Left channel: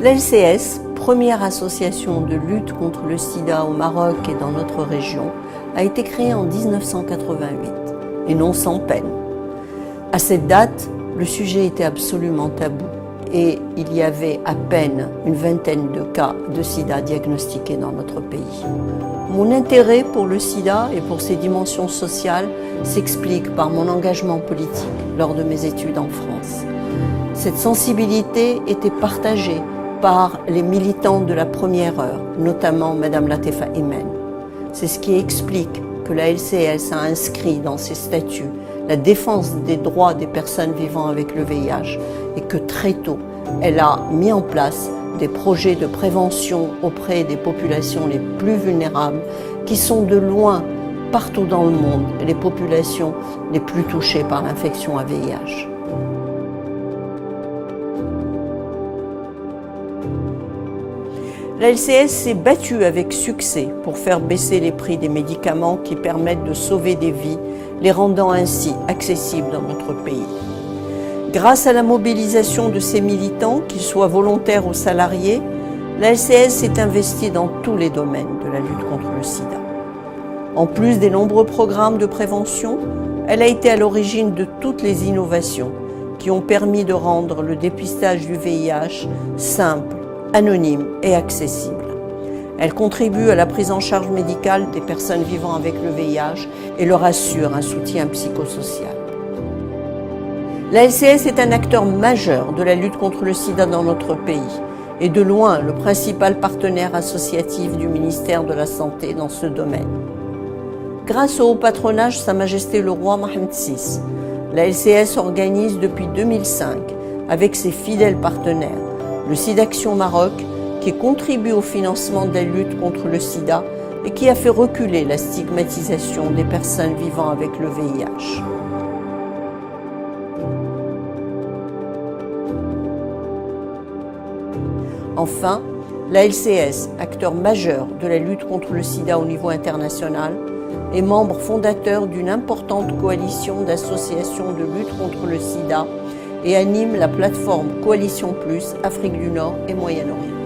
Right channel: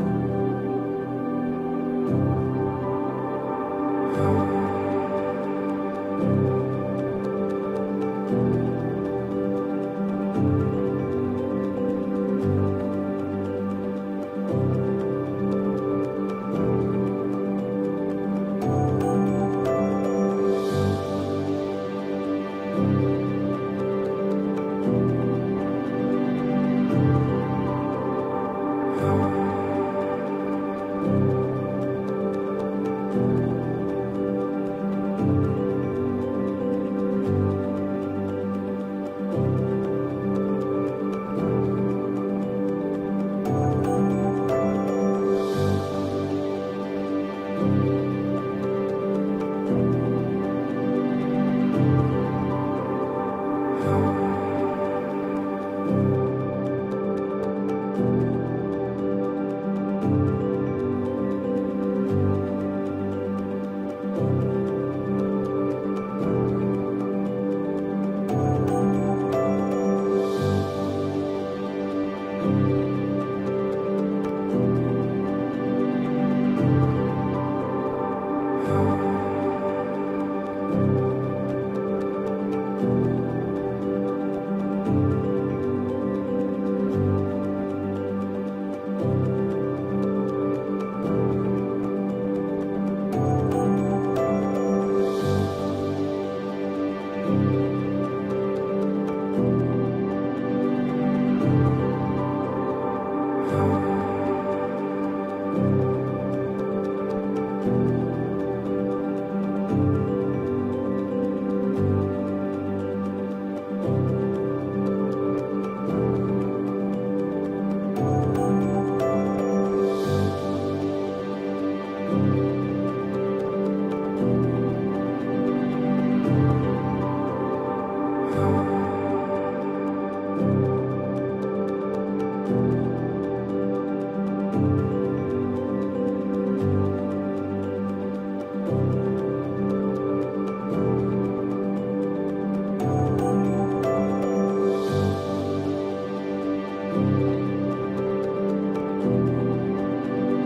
L'LCS, première association de lutte contre le sida au Maroc et dans notre région, a été créée en 1988, et non sans peine. À cette date, le sujet était absolument tabou et il y avait à peine une vingtaine de cas de sida diagnostiqués dans notre pays. Mon intérêt pour le sida et pour ses dimensions sociales s'explique par mon engagement politique lors de mes études en France. Cette sensibilité était partagée par les militants de la première heure, notamment Madame Latefa Imen. C'est ce qui explique que la LCS a inscrit dans ses statuts la défense des droits des personnes vivant avec le VIH et que très tôt, elle a mis en place des projets de prévention auprès des populations les plus vulnérables qui sont de loin, partout dans le monde, les populations les plus touchées par l'infection à VIH. La LCS s'est battue avec succès pour faire baisser les prix des médicaments qui permettent de sauver des vies, les rendant ainsi accessibles dans notre pays. Grâce à la mobilisation de ces militants, qu'ils soient volontaires ou salariés, la LCS s'est investie dans tous les domaines de la lutte contre le sida. En plus des nombreux programmes de prévention, elle a été à l'origine de toutes les innovations qui ont permis de rendre le dépistage du VIH simple, anonyme et accessible. Elle contribue à la prise en charge médicale des personnes vivant avec le VIH et leur assure un soutien psychosocial. La LCS est un acteur majeur de la lutte contre le sida dans notre pays et de loin le principal partenaire associatif du ministère de la Santé dans ce domaine. Grâce au haut patronage Sa Majesté le Roi Mohammed VI, la LCS organise depuis 2005, avec ses fidèles partenaires, le SIDAction Maroc, qui contribue au financement de la lutte contre le sida et qui a fait reculer la stigmatisation des personnes vivant avec le VIH. Enfin, la LCS, acteur majeur de la lutte contre le sida au niveau international, est membre fondateur d'une importante coalition d'associations de lutte contre le sida et anime la plateforme Coalition Plus Afrique du Nord et Moyen-Orient.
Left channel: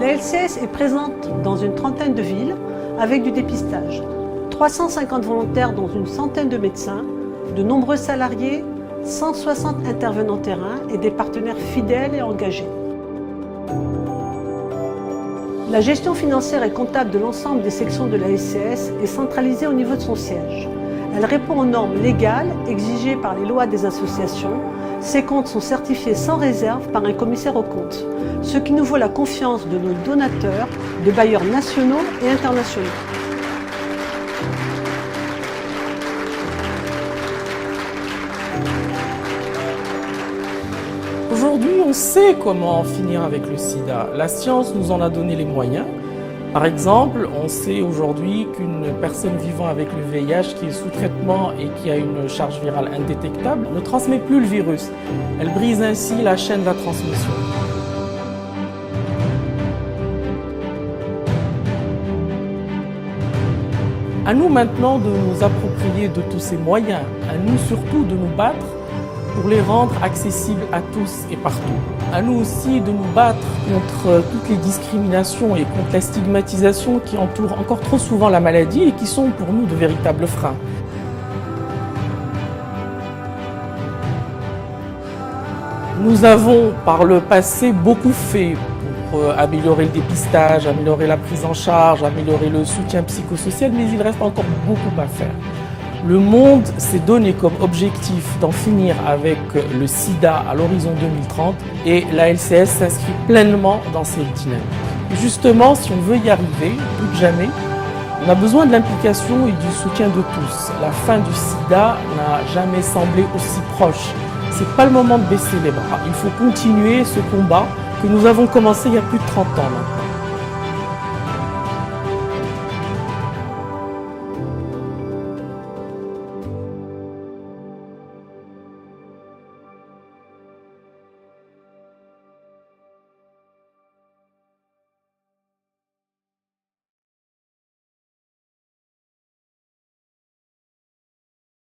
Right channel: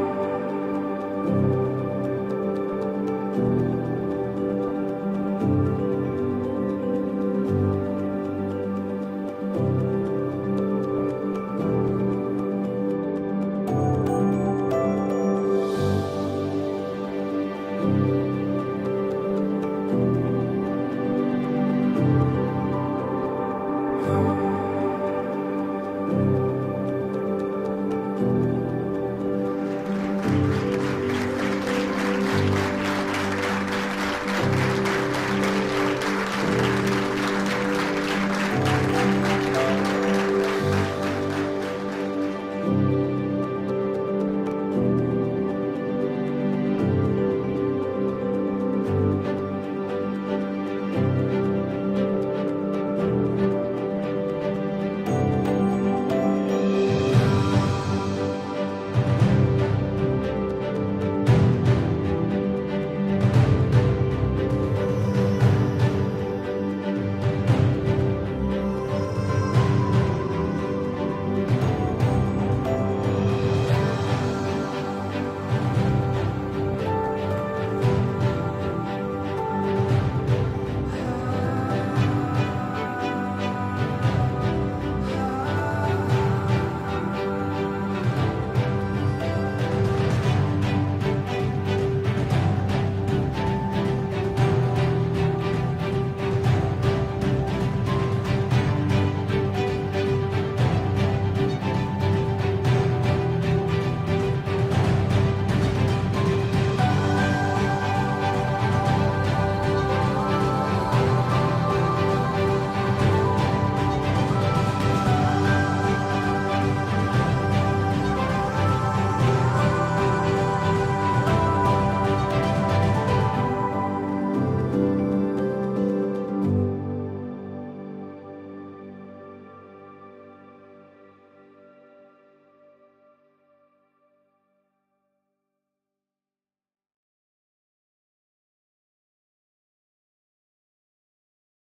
La LCS est présente dans une trentaine de villes avec du dépistage. 350 volontaires dont une centaine de médecins, de nombreux salariés, 160 intervenants terrain et des partenaires fidèles et engagés. La gestion financière et comptable de l'ensemble des sections de la LCS est centralisée au niveau de son siège. Elle répond aux normes légales exigées par les lois des associations. Ces comptes sont certifiés sans réserve par un commissaire aux comptes, ce qui nous vaut la confiance de nos donateurs, de bailleurs nationaux et internationaux. Aujourd'hui, on sait comment en finir avec le sida. La science nous en a donné les moyens. Par exemple, on sait aujourd'hui qu'une personne vivant avec le VIH qui est sous traitement et qui a une charge virale indétectable ne transmet plus le virus. Elle brise ainsi la chaîne de la transmission. À nous maintenant de nous approprier de tous ces moyens, à nous surtout de nous battre pour les rendre accessibles à tous et partout. À nous aussi de nous battre contre toutes les discriminations et contre la stigmatisation qui entourent encore trop souvent la maladie et qui sont pour nous de véritables freins. Nous avons par le passé beaucoup fait pour améliorer le dépistage, améliorer la prise en charge, améliorer le soutien psychosocial, mais il reste encore beaucoup à faire. Le monde s'est donné comme objectif d'en finir avec le sida à l'horizon 2030 et la LCS s'inscrit pleinement dans cette dynamique. Justement, si on veut y arriver, plus que jamais, on a besoin de l'implication et du soutien de tous. La fin du sida n'a jamais semblé aussi proche. C'est pas le moment de baisser les bras. Il faut continuer ce combat que nous avons commencé il y a plus de 30 ans maintenant.